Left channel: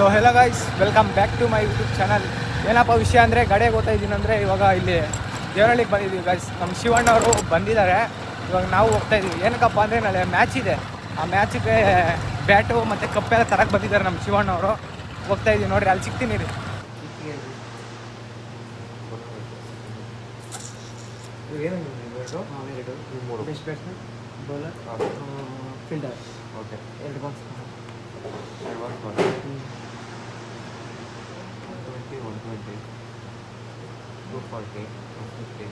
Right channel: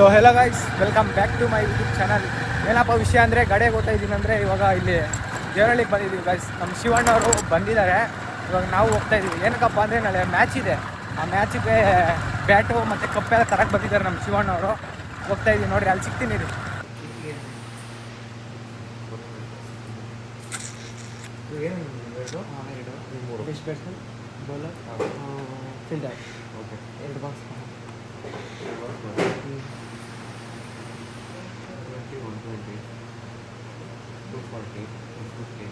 So hello guys, welcome back to my YouTube channel. ಏನಪ್ಪ ವಿಷಯ ಅಂದರೆ ಗಾಡಿಯಾಗಿ ಓದ್ತಾ ಇದ್ದೀನಿ ಅಂದರೆ ಇವಾಗ ಇಲ್ಲಿ ದೇವರಹಳ್ಳಿಗೆ ಬಂದಿದ್ದೀವಿ ಗೈಸ್. ನಮ್ಮ ಶಿವಣ್ಣವರು ಬಂದಿದ್ದಾರೆ. ಇವಾಗ ನಾವು ಹೋಗ್ತಾ ಇದ್ದೀವಿ. ಏನಕ್ಕಪ್ಪ ಅಂದರೆ ನಾಳೆ ಮ್ಯಾಚ್ ಇದೆ. ಆ ಮ್ಯಾಚಿಗೆ ಬ್ಯಾಟು ಮತ್ತು ಕಪ್ಪೆಲ್ಲ ತರಕ್ಕೆ ಬಂದಿದ್ದಾರೆ ನಮ್ಮ ಶಿವಣ್ಣವರು. ಹೋಗ್ತಾ ಇದ್ದೀವಿ ನೋಡಿರಿ, ಅಲ್ಲಿ ಸಿಗ್ತೀನಿ ರೀ. ಬೌಲರ್ ಫೀಲ್ಡರ್ ಓಕೆ 2 ಬಾಕ್ಸ್ 120 240 250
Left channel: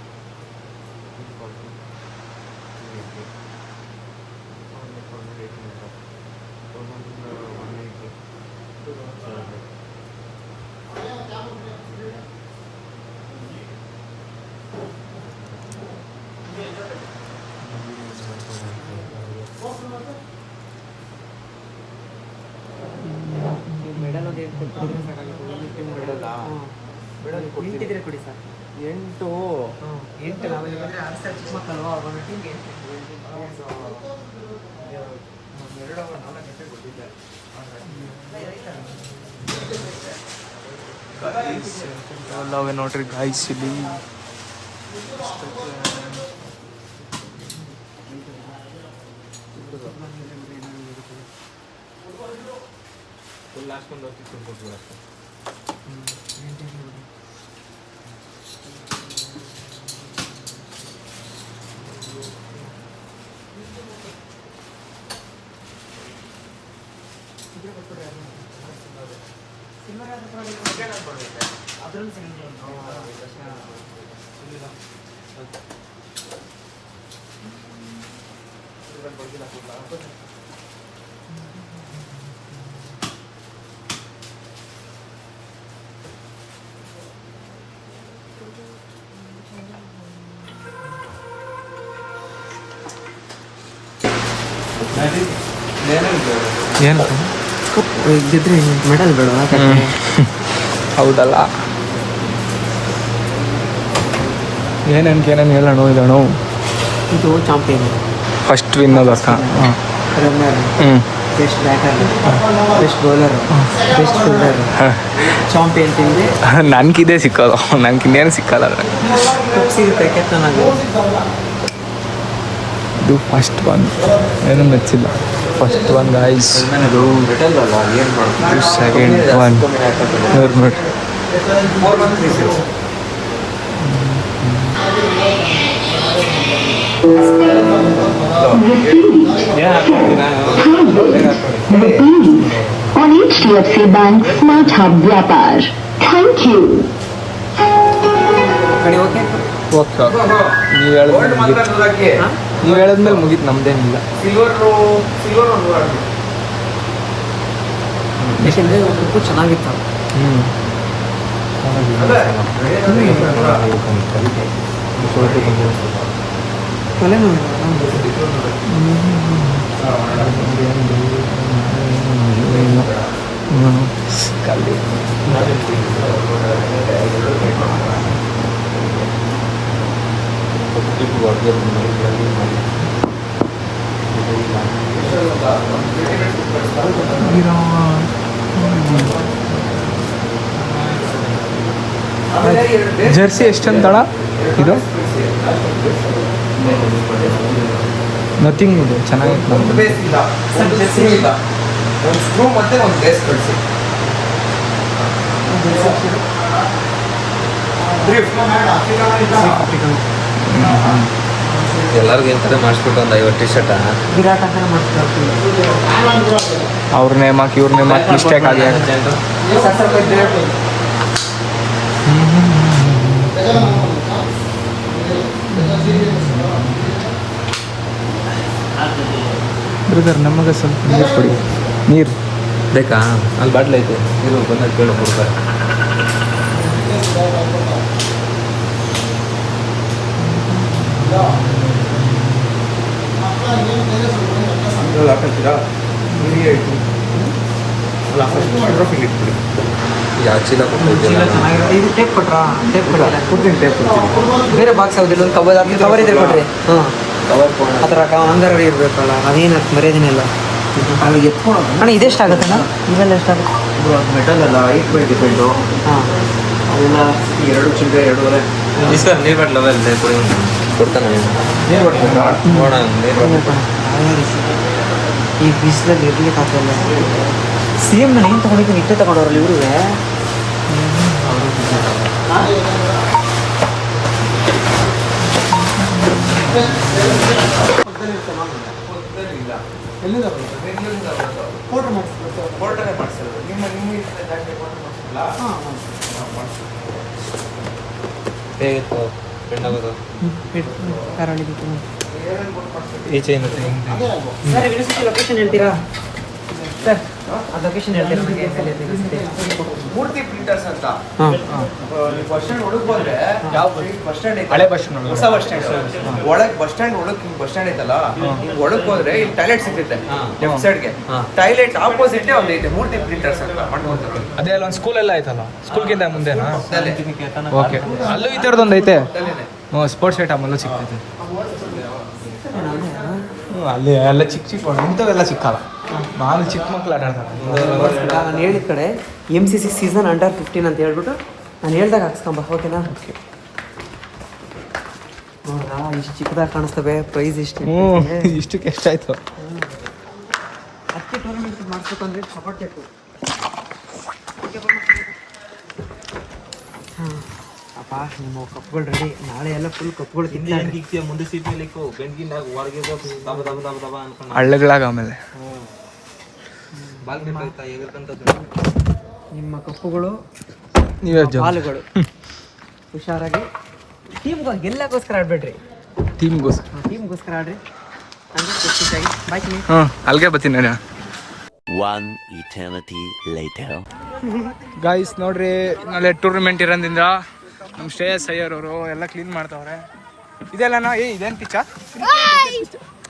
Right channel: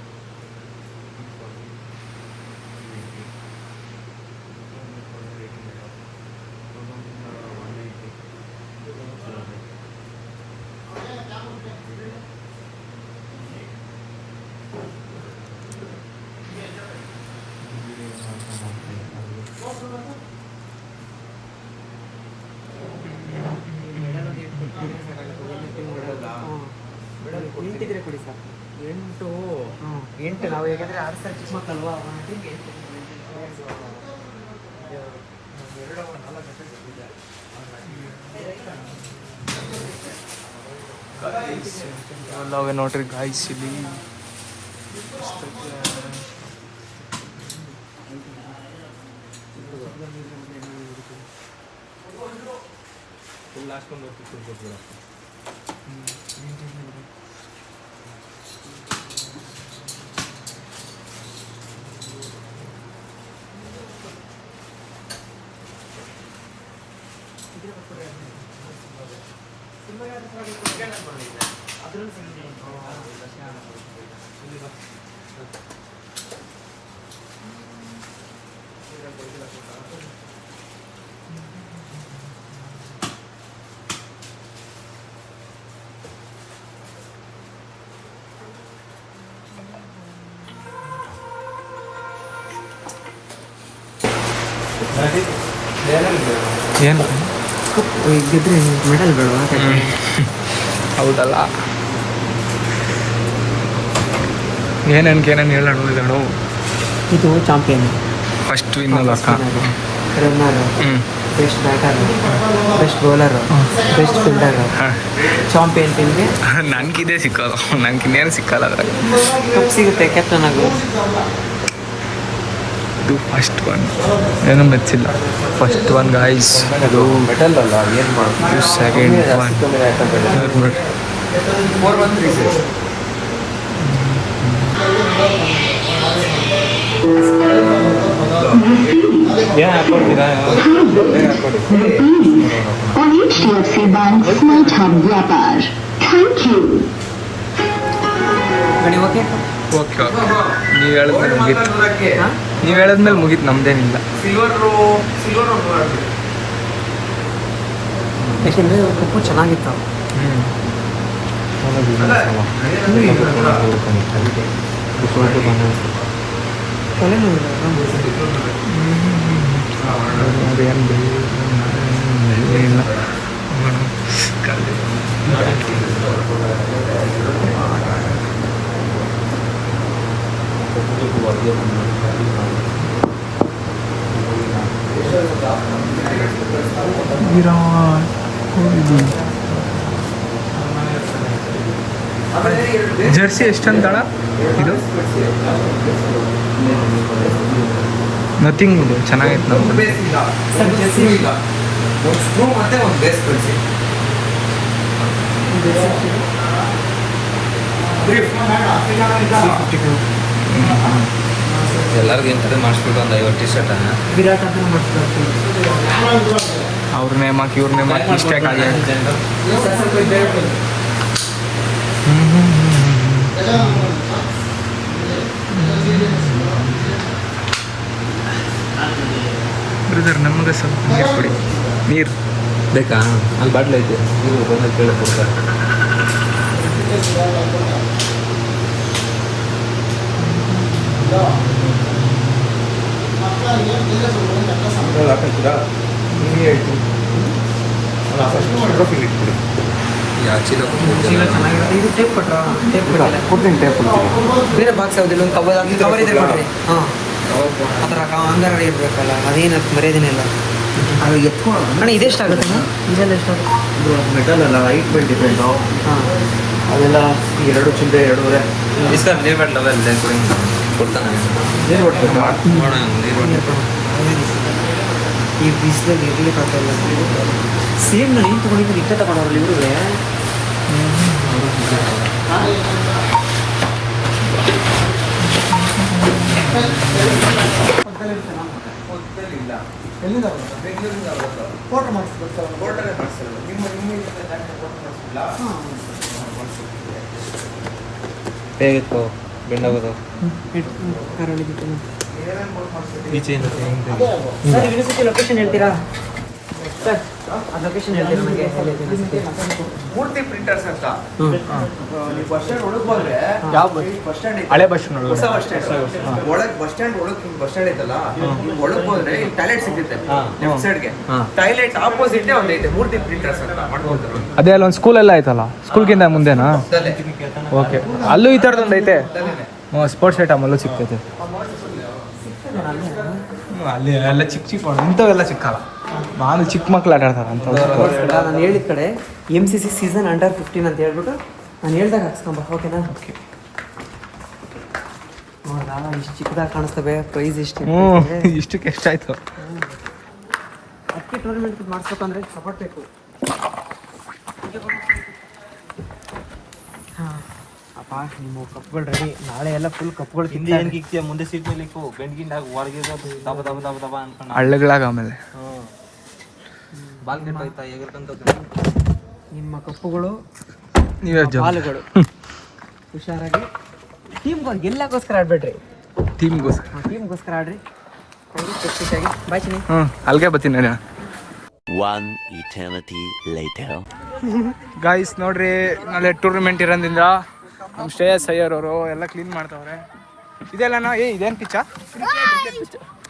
ಎಂಟಿದ್ರೆ ಕೊಡಿ ಸರ್. 8 ನಾವು ಹೇಗಂದ್ರೆ 6 ಸಾವಿರ ಚಿಕ್ಕ ಮಕ್ಕಳಲ್ವಾ, 1 ಟೀಮ್ಗೆ 8 4 ಗಂಟೆ ಕೊಟ್ಟಿದ್ದೆ. ಅಲ್ಲವೇ ನೋಡ್ರಿ ಗಾಯ್ಸ್, ಇಲ್ಲಿ ಫುಲ್ ಅಷ್ಟೊಂದು ಹೋಗ್ತಿತ್ತು ಕೊಟ್ಬಿಡ. ಏನು ಕಪ್ ಗೆದ್ರೆ ಮೆಡಲ್ ಬೇಡವಾ? ಹೌದಲ್ಲ, ಏನೇನು ಹೇಳೋಣ ಇದನು. ಇದು ಚಾಂಪಿಯನ್, ಫಸ್ಟ್ ವಿನ್ ಅಕ್ಕ. Runner, best batter, best bowler, best fielder, champion ಟೀಮ್ಗೆ ನನಗಿದೇ ಸಿಕ್ಕೋದು, ನನಗೆ ಇನ್ನೇನು ಸಿಕ್ಕಲ್ಲ ಅದ್ರಾಗ. ಕಪ್ ಸಿಗುತ್ತೆ ಕ್ಯಾಪ್ಟನ್ ಆಗು. ಇದು ಫಸ್ಟ್ ಒನ್, ಏನೂ ಮೆಚ್ಚಿಲ್ಲ. ಫಸ್ಟ್ ಒನ್ ಗಾಯ್ಸ್, ಇದು ಸೆಕೆಂಡ್ ಒನ್. ನೋಡಿ 4130. on HDFC Bank Smart Hub Vyapar. Thank you. ಗಾಡಿ ಓಕೆ ಓಕೆ, ನೀವು ಹೇಳಿದ್ಮೇಲೆ ಮುಗೀತು, ನಮ್ದೇನಿಲ್ಲ. ಯಾಕೆಂದರೆ ಉಪ್ಪು ಚೆನ್ನಾಗಿತ್ತು. ತಲೆನೋವು ಇಲ್ಲ ಕಲ್ಲು ವಿರಾಟ್ ಕೊಹ್ಲಿ ಜರ್ಸಿ ಎಷ್ಟಂತಳ ಇದು? ನಥಿಂಗ್, ಇದು ಚೆನ್ನಾಗಿತ್ತು. ನಮ್ಮ ಒಂದು ಸ್ಕ್ರೂ ಮತ್ತೆ ಒಂದು ಬೇಸ್ ಕಳಿಸಿ. ಎಲ್ಲರಿಗೂ ಎಂತ ಮಾಡಿಸ್ಬಿಟ್ಟು ಒಂದು 50 ಟಿ ಶರ್ಟ್ ವಿರಾಟ್ ಅಂತಾನೆ ಮಾಡಿಸ್ಕೊಳ್ತೀವಿ. ಅವ್ರ ನೇಮ್ ಹಾಕಿ ಇವ್ರ ನೇಮ್ ಹಾಕಿ ಮಿಸ್ಟೇಕ್ ಆಗಿ ಬ್ರದರ್, ನಮಗೆ ಸ್ವಲ್ಪ ನೀರು ಕೊಡಿ. ನೀರು ಬೇಕಾ? ಅಲ್ಲಿ ಬಾಟ್ಲ್ ಐತೆ, ನೀರು ಬಂದಾಗ ಕೇಳಿ ಕೊಡ್ತಾರೆ. ಹಾಕಿದ್ದೀರಾ? ನೀರು ಆಯಿತು ಅಲ್ಲ, ಫಸ್ಟ್ ಟ್ರೋಫಿಲಿ ಇಟ್ಬಿಡಿ. ಇದು ಟೇಪ್ ಕೊಟ್ರಾ? ಟೇಪ್ ಕೊಡಲ್ಲ, ಕೊಡ್ತೀನಿ, ಟೇಪ್ ಕೊಡ್ತೀನಿ. ಬೇರೆ ಬಾಕ್ಸ್ ಯಾವುದಿಲ್ಲ, ಒಂದು ಕವರ್ ಇದ್ರೆ ಕೊಡ್ರಿ. ಹಾಂ, ಆ ಥರ ಅಂಗರವೇ ಇರಬೇಕಲ್ಲ, ಅದೇನು ಮರ್ಯಾದಿನಿಲ್ಲ. ಅಲ್ಲಿಗೆ ಅಣ್ಣ ಇದೆಷ್ಟಾಗುತ್ತಣ್ಣ ಇದೆಲ್ಲ ಎಷ್ಟಾಗುತ್ತೆ ಮೆಟಲ್ ಅಲ್ಲ ಹೈಟ್ ಮೇಲೆ ಡಿಪೆಂಡು. ಹಾಂ ಅದೆಲ್ಲ 2 ಚಿಲ್ಲರೆ 2.5. ನೀರು ಕೊಡ್ಬೇಕು. ಈ ಬಿಸಿಲಲ್ಲಿ ಇರಲಿ ಪಕ್ಕಲ್ಲ ಸೇಮ್ ನಾನು ಏನು ತೊಗೊಂಡಿದ್ದು ಇಟ್ಟೆ ತಗೊಂಡವ್ರಲ್ಲ ಇವರಿಗೆ ಲೊಕೇಶನ್ ಹೇಳ್ತೀರಾ ಸರ್ ಆ ಲೊಕೇಶನ್ ಹೇಳ್ತೀರಾ ನನಗೆ ಮೂರ್ತಿ ಪ್ರಿಂಟರ್ಸ್ ಅಂತ ಹಾಂ ಬಸ್ ಸ್ಟ್ಯಾಂಡ್ ಒಳಗೆ ಹೋದ್ರೆ ಯಾವ ಬಸ್ ಸ್ಟ್ಯಾಂಡ್ ಹಳೆ ಬಸ್ ಸ್ಟ್ಯಾಂಡ್ ಹೊಸ ಬಸ್ ಸ್ಟ್ಯಾಂಡ್ ಒಳಗೆ ಬಸ್ ಸ್ಟ್ಯಾಂಡ್ ಒಳಗೆ ಬಸ್ ಸ್ಟ್ಯಾಂಡ್ ಐತಲ್ಲ ಒಳಗೆ ಹೋದ್ರೆ ಇಲ್ಲಿ ಟಾಯ್ಲೆಟ್ ಸಿಗುತ್ತೆ ಲೆಫ್ಟ್ ಸೈಡ್ಗೆ ಟಾಯ್ಲೆಟ್ ಆಪೋಸಿಟ್ ಒಂದು ಐತೆ ಮೂರ್ತಿ ಪ್ರಿಂಟರ್ಸ್ ಅಂತ ಮಾಡ್ಕೊಳ್ತಾರೆ. ಅದೇ ಅಲ್ಲಿ ಒಂದು ಸ್ಕೂಲ್ ಎಲ್ಲ ಐತಲ್ಲ, ಸ್ಕೂಲ್ಗಿಂತ ಮುಂದೆನಾ? ಓಕೆ, ಅಲ್ಲೂ ಈ ಥರದೊಂದು ಐತೆ. ಸ್ಪೋರ್ಟ್ಸ್ ಐಟಮ್ ಅಲ್ಲೂ ಸಿಗ್ತೈತೆ. ಅಲ್ಲಿ ಎಲ್ಲ ಚಿಕ್ಕ ಚಿಕ್ಕ ಇಂಥವೆಲ್ಲ ಸಿಕ್ಕಲ್ಲ. ನಾನು ಚಿಕ್ಕ ಮಕ್ಳು ಆಟ ಆಡ್ತಾರೆ. ನಾನು ಹೇಳಿದ ಕಡೆ MCC ಸೀಸನ್ ಅಂಡರ್ 15 ಅಂತ ಹೇಳ್ಬಿಟ್ಟು ನಾನು ಹೇಳ್ದಾಗ ಹಾಕ್ಸ್ಕೊಂಬ ಓಕೆನಾ? ಓಕೆ. ನೋಡ್ರಾ ಇಷ್ಟು ಚಿಕ್ಕದಾಗಿ ಕಾಣಿಸ್ತವೆ. ಪ್ರೈಸ್ ಎಷ್ಟು ಇಷ್ಟಕ್ಕೆ ಎಷ್ಟಾಯ್ತು? ಅದಕ್ಕೆ ಟೂರ್ನಮೆಂಟ್ ಮಾಡಿಸ್ಬೇಕು ಅಂದರೆ ಸಪೋರ್ಟ್ ಬೇಕು. ಹಾಂ ಅಪ್ಪ ನಿಮ್ಮ ಕಪ್ಗಳು ರೆಡಿ. ನಾಳೆ ಎಲ್ಲ ಫುಲ್ ಕಪ್ಗಳು ತಿಂತೀನಿ. ಮುಂದೆ ಸೀಟ್ ಮೇಲೆ ಬೆಂಡ್ಗಿಂದಾಗ ಹೊರಗೆ ದಬ ದಬ ದಬ ದಬ ಅನ್ಕೊಂಡು ಹಳ್ಳೆಗಳಾಗ ಆಮೇಲೆ ಬಾಲ್ ಕೆಟ್ಟಾಯ್ತಾ ಎಗರ್ಕಂತ ನಿಮ್ಮ ಕಪ್ಪುಗಳು ನೀವೇ ಹಾಲುಗಳು ಹುಷಾರಾಗಿ ಟೀಮ್ಗೆ ಗೆಲ್ಲಕ್ಕೋಸ್ಕರ ಆಡ್ಬೇಡ್ರಿ, ಟೀಮ್ಗೋಸ್ಕರ ಆಡ್ರಿ. ನನಗೆ ಖುಷಿಯಾಗಿ ಬಾಯ್ ಚಿನ್ನಿ. ಅಲ್ಲಿಗೆ ಬರ್ತೀನಿ ನಾನು. One eternity later. ಗಾಯ್ಸ್ ನೋಡ್ರಿ, ನಾಳೆ ಟೂರ್ನಮೆಂಟ್ ಇರೋದ್ರಿಂದ ನಮ್ಮ ಶ್ರೇಯಸ್ ಅಯ್ಯರ್ ಅವರು ಎಲ್ಲ ಕ್ಲೀನ್ ಮಾಡ್ತಾವ್ರೆ. ಇದೆಲ್ಲನಾ ಇದೇನು ಪಿಚ್ಚ?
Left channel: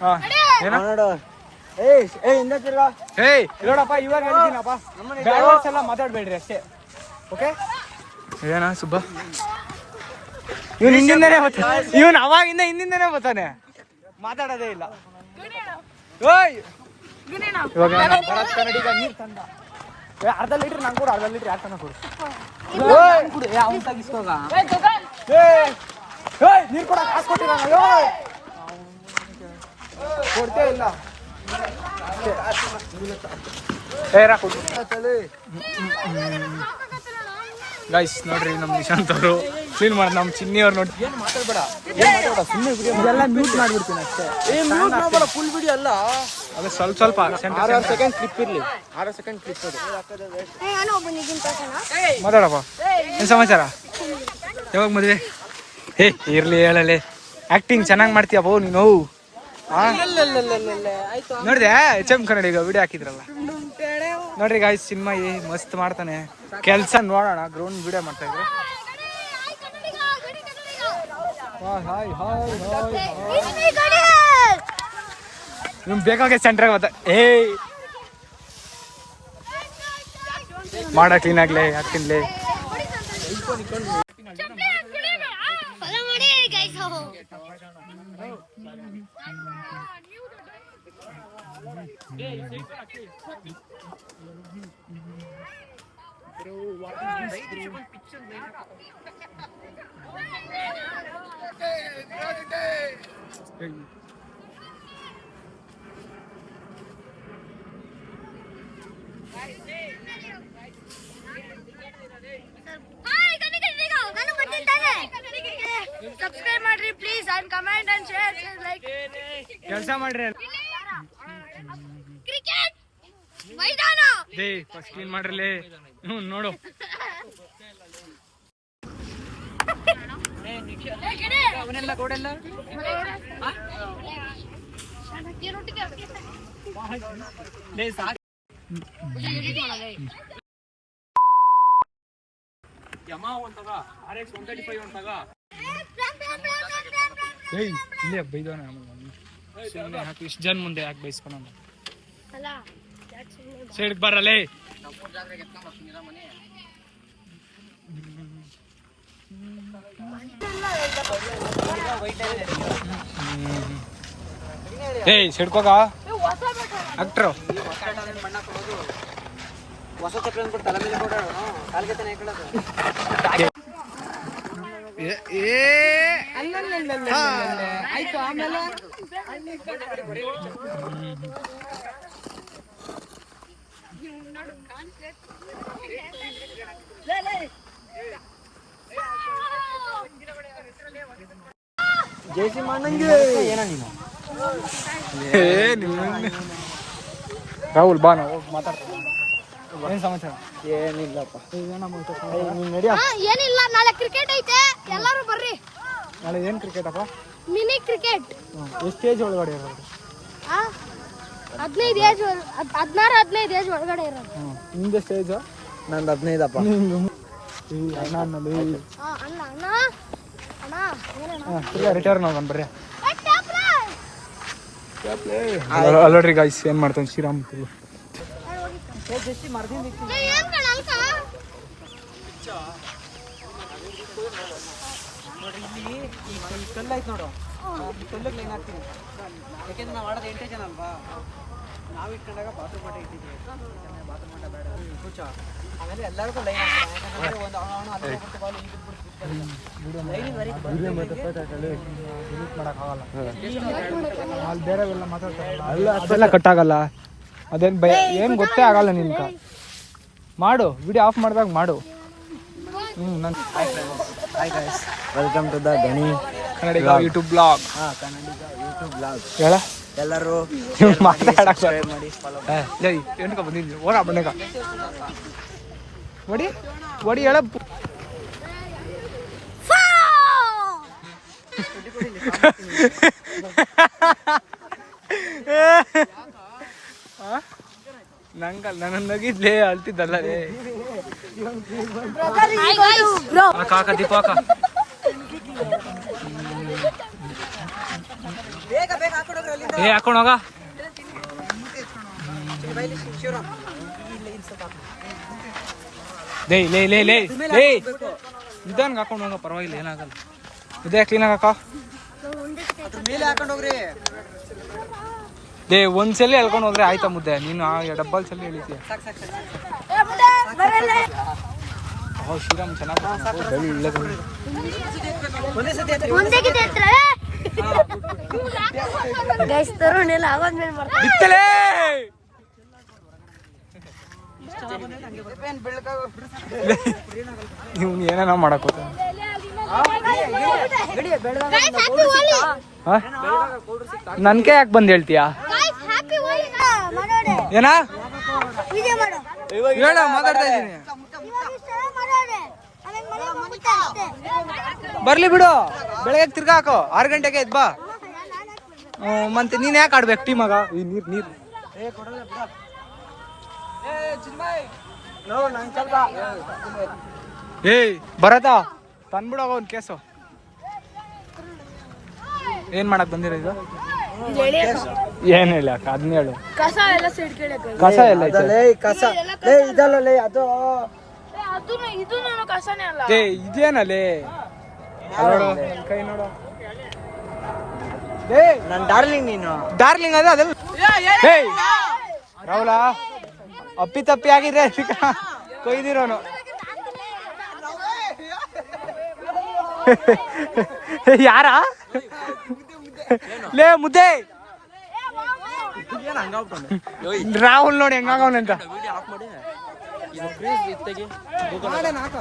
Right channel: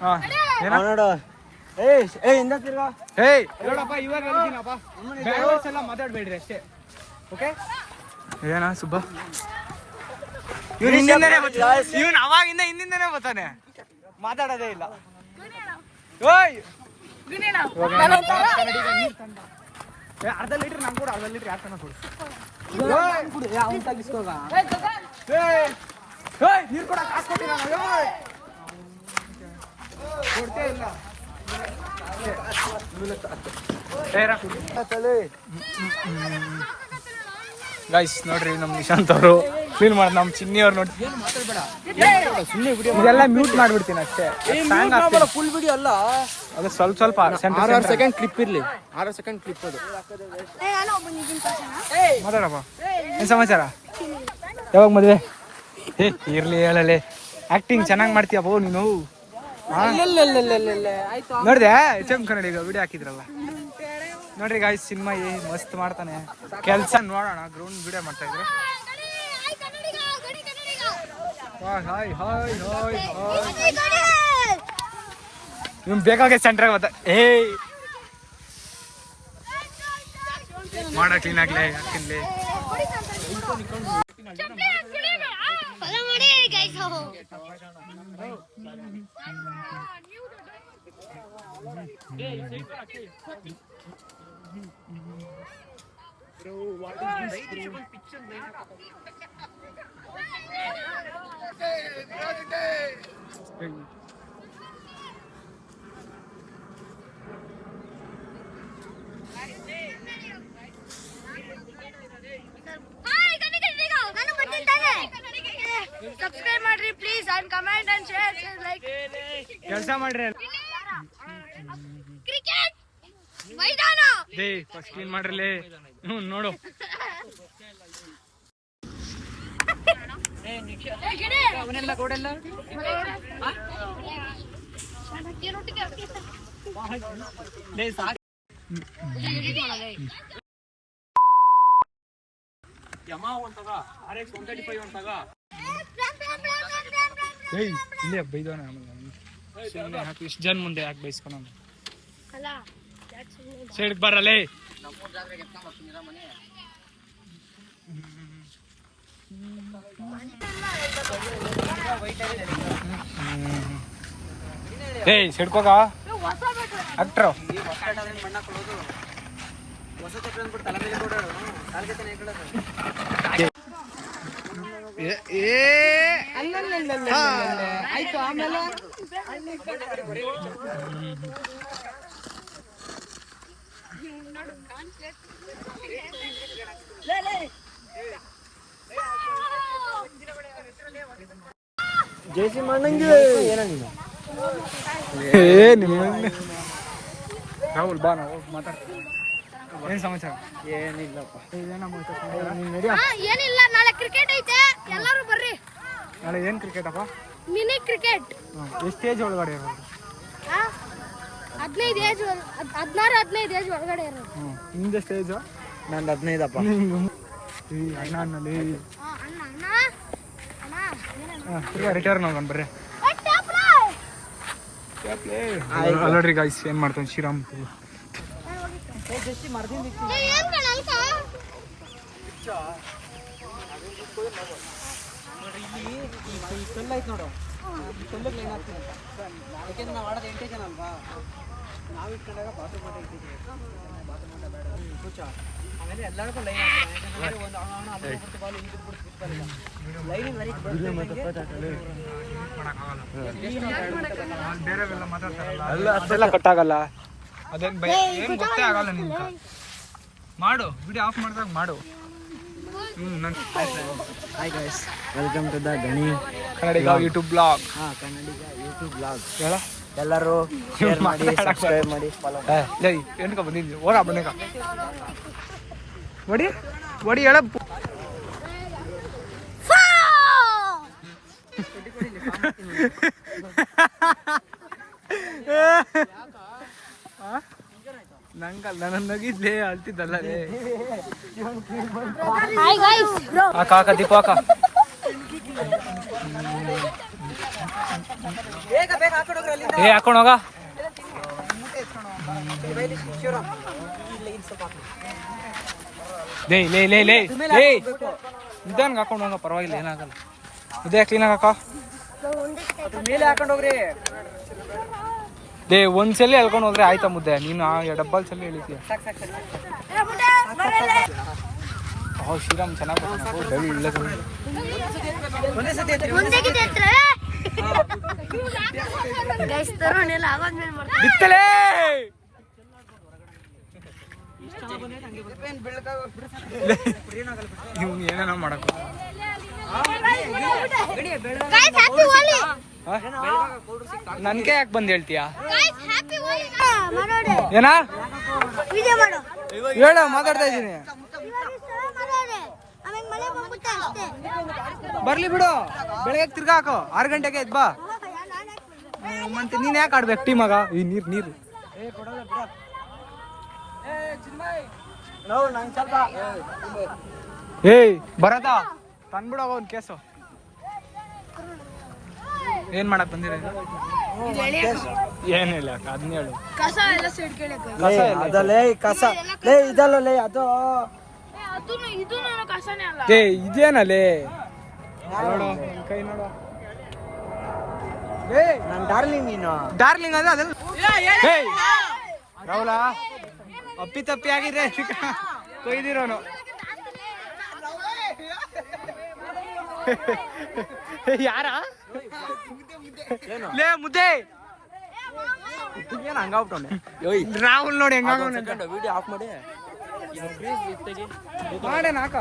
ಹಾಂ ಏನ? ಏಯ್ ನೋಡಪ್ಪ, ಇವಾಗ ಹೇಳಿದ್ದೀನಪ್ಪ, ಬ್ಯಾಡ್ ವರ್ಡ್ಸ್ ಎಲ್ಲ ಮಾತಾಡಬೇಡ್ರಿ ಅಷ್ಟೇ. ಓಕೆ ಏನ ಸುಬ್ಬ? ಇವನು ಹಿಂದಿಂದನೇ ಇವನು ಅವಾಗಿಂದ ಹಿಂದಿಂದನೇ ಬರ್ತಾನೆ, ಮಾತಾಡೋದೇ ಇಲ್ಲ. ಓಯ್ ಇವಾಗ ನಮ್ಮ ಭರತ್ ಕನ್ನಡಿಗ ನೀರು ತಂದ. ಅರ್ಧ ಲೀಟ್ರ್ ನಂಗೆ ಕೊಡು, ಅರ್ಧ ಲೀಟ್ರ್ ಯಾಕೆ ತನಕ ಕೊಡು. ನೀರು ಕೊಡಕ್ಕೆ ಕಾಸು ಕೊಟ್ಟಿಲ್ಲ, ಕೊಡ್ತೇ ಇಲ್ಲ. ಗೈಸ್ ನೋಡ್ರಿ, ನಮ್ಮ ನಿಶಾಂತ್ ಅವರು ಕ್ಲೀನ್ ಮಾಡಿ, ನಮ್ಮ ಚಿನ್ನಿ ಅವ್ರು ನೋಡಿ. ಏನು ಮಾತಾಡ್ಬೇಡ, ಸುಮ್ಮನೆ ವಿಡಿಯೋ ಎಲ್ಲ ಮ್ಯೂಟ್ ಮಾಡ್ಬಿಡ್ತೀನಿ ಅಷ್ಟೇ. ಫುಲ್ ವಿಡಿಯೋ ಅಲ್ಲ, ಅದೇ ಸ್ವಲ್ಪ ಸೆಕೆಂಡ್ ಕ್ಲಿಪ್ ಇರಲಿ. 6 ಸೆಕೆಂಡ್ ಕ್ಲಿಪ್ ಅದು. ಮಾತಾಡಪ್ಪ, ಏನು ಸಮಾಚಾರ? ಯಾವಾಗ ಮದುವೆ? ಇರ್ಲಿ ಹೇಳಲೆ. ಆಕ್ಟಿಂಗ್ ಚೆನ್ನಾಗಿ ಮಾಡ್ತೀಯಪ್ಪ ನೀನು. ನೋಡಿದೆ HM ಕನ್ನಡಿಗ ವಿಡಿಯೋ ಹಾಕಿದ್ರಲ್ಲ, ನೋಡ್ರಿ ಗಾಯ್ಸ್, ಚಿನ್ಮಯಿ ಮಸ್ತ್ ಮಾಡ್ತಾನೆ ಕೆಲಸ. ನೋಡೋಣ, ಗ್ರೌಂಡ್ ವಿಡಿಯೋ ಮಾಡ್ತಾ ಇದ್ರು. ನಿಮ್ ಬೇಕಾಗೆ ಸೆಂಟ್ರಾಗ ಬತ್ತ. ಮಾಡ ಕ್ಲೀನ್ ಆಗ್ಲೇ, ಹಾಕ್ತಿನ್ಲೇ. ಸಬ್ಸ್ಕ್ರೈಬ್ ಮಾಡ್ರಿ please, and comment and share like. ಕೆಲಸ ಮಾಡ್ರಿ. ಕ್ರಿಕೆಟ್ ಮೈದಾನ ಫಸ್ಟ್ ಕ್ಲೀನ್ ಮಾಡ್ರಲೇ. ನೋಡು ಇಲ್ಲೇ ಬೈದವನ. ಹಾಕಿ ಇಷ್ಟು ಜನ ಮುಂದೆ ಯಾಕೆ ಬೈಸ್ಕೊಳ? ಸೈಡ್ಗೆ ಬರಲೇ. ಏಯ್ ಸಿಡ್ಕೋಗ. ಆಕ್ಟ್ರು ಹೊಸ ಚಕ್ರ ಅಂದ್ಬಿಟ್ಟು ತಲೆ ಮೇಲೆ ಕೂಡ ಕಾಲ್ಗೆ ತಾನೇ ಹಾಕೊಳ್ಳೋದು. ಆಯ್ತು ಆಮೇಲೆ ಜೇಸಿ ಮಾಡಂಗೆ ಏನೋ ನೀನು ರಾಹುಲ್ ಬಾ ನಾವು ಮಾತಾಡ್ತೀವಿ. ಏನು ಸಮಾಚಾರ? ಏನಿಲ್ಲಪ್ಪ. ನೀನು ನಡಿಯ. ಏನಿಲ್ಲ ನಾಳೆ ಕ್ರಿಕೆಟ್ ಐತೆ ಎಲ್ಲರೂ ಬರ್ರಿ. ನಾಳೆ ಏನು ಕ್ರಿಕೆಟಪ್ಪ? Mini cricket. ಎಷ್ಟು ಏಜ್ ಒಳಗಡೆ ಇರೋದು? 15 ಏಜ್ 16-15 ಏಜ್ ಒಳಗಡೆ ಇರೋದು. ನಿಂದು ಸ್ಟೇಜು? ನಂದು 15 ಅಪ್ಪ. ಅಣ್ಣ ಅನ್ನಲ್ಲಿ ಅಣ್ಣ ಅಣ್ಣ ಅಣ್ಣ ತಿರ್ಗಾ ರಿಟರ್ನ್ ಹೋಗೋಣ ಬರ್ರಿ. ಅಲ್ಲೋಡ್ರಿ ಗಾಯ್ಸ್ ಏನು ಮಾಡ್ತಾನೆ ಶ್ರೀರಾಮ್ ಏನ್ ಕಣ ಅಲ್ಕ ನೋಡ್ರಿ ಇಲ್ಲಿ ಈ ಕಲ್ಲು ಐತೆ ನೋಡು, ಈ ಕಲ್ಲಿಗೆ ಲೈನ್ ಹಾಕ್ತೀನಿ. ಯಾಕೆಂದ್ರೆ ನಾವು ಆಡೋದು 8 ಜನ ಅಲ್ವಾ, ನಾವು ಇಟ್ಕೊಂಡಾಗ ಬಾತ್ರೂಮ್ ಆಟ ಇಟ್ಟಿದ್ವಿ. ಬಾತ್ರೂಮ್ ಆಟ ಬೇಡ ಕೂಚ, ಆಮೇಲೆ ಎಲ್ಲರಿಗೂ ಲೈನ್ ಹಾಕ್ತಾರೆ. ಯಾಕಂದ್ರೆ ಒಂದು ಅವನು ಅಲ್ಲಿ ಹೋಗ್ಬಿಟ್ಟು ಬಾಲ್ ಇಲ್ಲಿ ಬಿಟ್ಬಿಟ್ಟು ಲೈನಿಗೆ ವರೆಗೆ ಬಂದಿದ್ದಂಗೆ ಬೇರೆವೆಲ್ಲ ಮಾತಾಡ್ತಾರಲ್ಲ ಅದೆಲ್ಲ ಕಟ್ಟಾಗಲ್ಲ. ಅದೇನು ಭಯ ಏನು ಗೊತ್ತೇ ಆಗಲ್ಲ ನಿನ್ಗೆ. ಮಾಡು ವಿಡಿಯೋ ಆಫ್ ಮಾಡಿದಾಗ ಮಾಡು. Hi guys, welcome to the Gani Kannadiga YouTube blog. Kannadiga YouTube blog. ಹೇಳ ಎಲ್ಲರೂ ಏನಕ್ಕ ಬಂದಿದ್ವಿ ಹೋಗ ಬಣ್ಣಗ ಒಡಿ ಒಡಿ ಹೇಳ. ನಂಗಲ್ಲ ನನ್ನ ನಗಿದ್ಲೇ ಅಳ್ತಿದ್ದಲ್ಲ ರೇ. ಹಾಕ ಹಾಕ ದೀಪ ಹಾಕ. ಏ ಹಾಕೊಂಡು ಹೋಗ. ಲೇ ಲೇ ಲೇ ಲೇ ಲೇ ನಿಧಾನಕ್ಕೆ ಹಾಕೊಂಡು ಹೋಗ, ಪರವಾಗಿಲ್ಲ ಏನಾಗಲ್ಲ. ಇದೇ ಕ್ಲೀನಾಗಿ ಹಾಕ. ಮೇಲೆ ಹಾಕೊಂಡು ಹೋಗ್ರಿ. ಲೇ ಒಂದ್ಸಲಿ ಎಳ್ಕೊಂಡು ಹೋದ್ರೆ ಆಯ್ತಾ ಮುದ್ದೆ, ನೀನು ಡಬ್ಬಲ್ ಸಲ ಎಳಿತೀಯ. ಶ್ರೀರಾಮ್ ಚೆನ್ನಾಗಿ ಬಿತ್ತಲೇ ನೀವು ಏನೇನೋ ಮಾಡಕ್ ನನ್ಗೆ ಯಾಕೆ ಬಂದು ಹೇಳ್ತೀಯಾ? ಏನಾ ಹೇಳ, ಮಾತಾಡ್ತಾ ಇದ್ದೀನಿ. ಬರ್ಲಿ ಬಿಡು, ಬೆಳಗ್ಗೆ ತಿರ್ಗಾ ಹಾಕೋ. 6 ಗಂಟೆಗೆ ಎದ್ ಬಾ. ಮತ್ತೆ ನೀನ್ ಯಾಕೆ ಆಡ್ಬೇಕು ಟೀಮ್ ಆಗ? ಈ ನೀರು ಏಯ್ ಬರತ್ತಾ ತಂದ್ಬಿಡೋಗ ಒಂದ್ ಕೇಸು. ಏನ್ ಮಾಡಕ್ ಬಂದಿರೋದು? ಏನ್ ಹೇಳಿ ಅಕ್ಕ, ಅದನ್ನ ಹೇಳು. ಕಸ ಎಲ್ಲ ಸೈಡ್ ಕೇಳಕ್ಕೆ ಕಸ ಎಲ್ಲ ಇದಲ್ಲ ಅದು ಇದು ಕಸನೇ ಅಲ್ಲ. ಏ ಇದೇನಲ್ಲೇ ನೋಡು, ನನ್ ಕೈ ನೋಡು. ಏ ನನ್ನ ಡಾರ್ಲಿಂಗ್ ನೀನು. ಡಾರ್ಲಿಂಗ್ ಅದ ಅದೆಲ್ಲ. ಏಯ್ ರಾಹುಲ ಅಪ್ಪಿ ತಪ್ಪಿ ಆಗಿದ್ರೆ ಕೊಯ್ದಿರೋನು. ಯಾರ ಲೇ ಮುದ್ದೆ ಏನು ಹಂಗಾಗ್ಬಿಟ್ಟು ರಾಹುಲ್ ನೋಡಿ ಹೆಂಗಾಗವನಂತ. ವಿಡಿಯೋ ಆಫ್ ಮಾಡಿ ಮಾಡೇನ ಹಾಕ.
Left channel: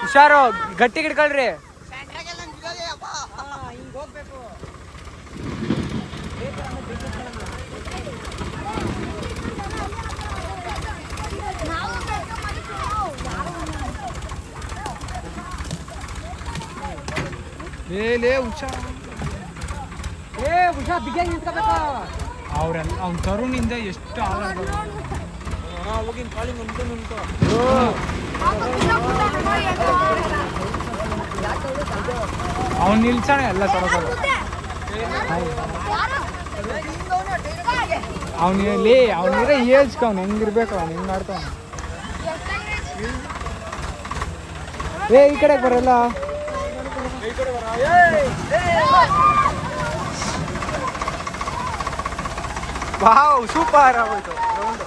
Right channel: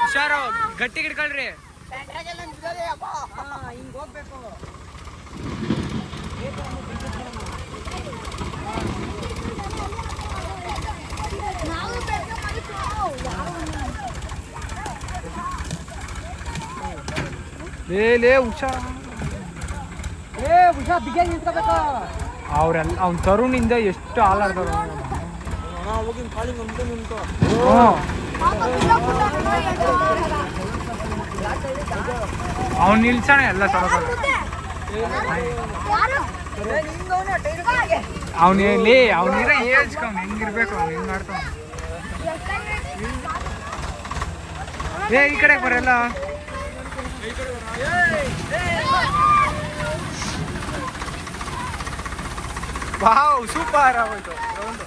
ಹುಷಾರು, ಗಟ್ಟಿ ಹಿಡ್ಕೊಳ್ರಿ. ಲೇ ಹುಷಾರ್, ಹುಷಾರ್ ಬಿಗ್ಯಾಗಿ ನಿಂತ್ಕೋಬೇಕು. ಅವ್ರೆಲ್ಲ ಅವ್ನ ತರುಣಿಂದ ಎಷ್ಟು ಹಾಲಾಡ್ತಾರೆ. ಹೋಗಿನ ಕಾಲಿಂಗ್ ಒಂದು ನಿಂತು ಅವ್ನು ನಿಲ್ಸಣ ಎಲ್ಲ ಸರೋಸಲ್ಲ ಅವನಲ್ಲಿ ಅವನಿರ ಏಜ್ಕ ಅವ್ನು ಹೆಂಗಿರ್ಬೇಕು ಅವ್ನು ಹೆಂಗ್ ಆಡ್ತಾವ ಏ ಈ ಕಡೆಗೆ ಬರಲ್ಲ ವಾವ್ ಸೂಪರ್ ಆಗೋಯ್ತು ರೌಂಡು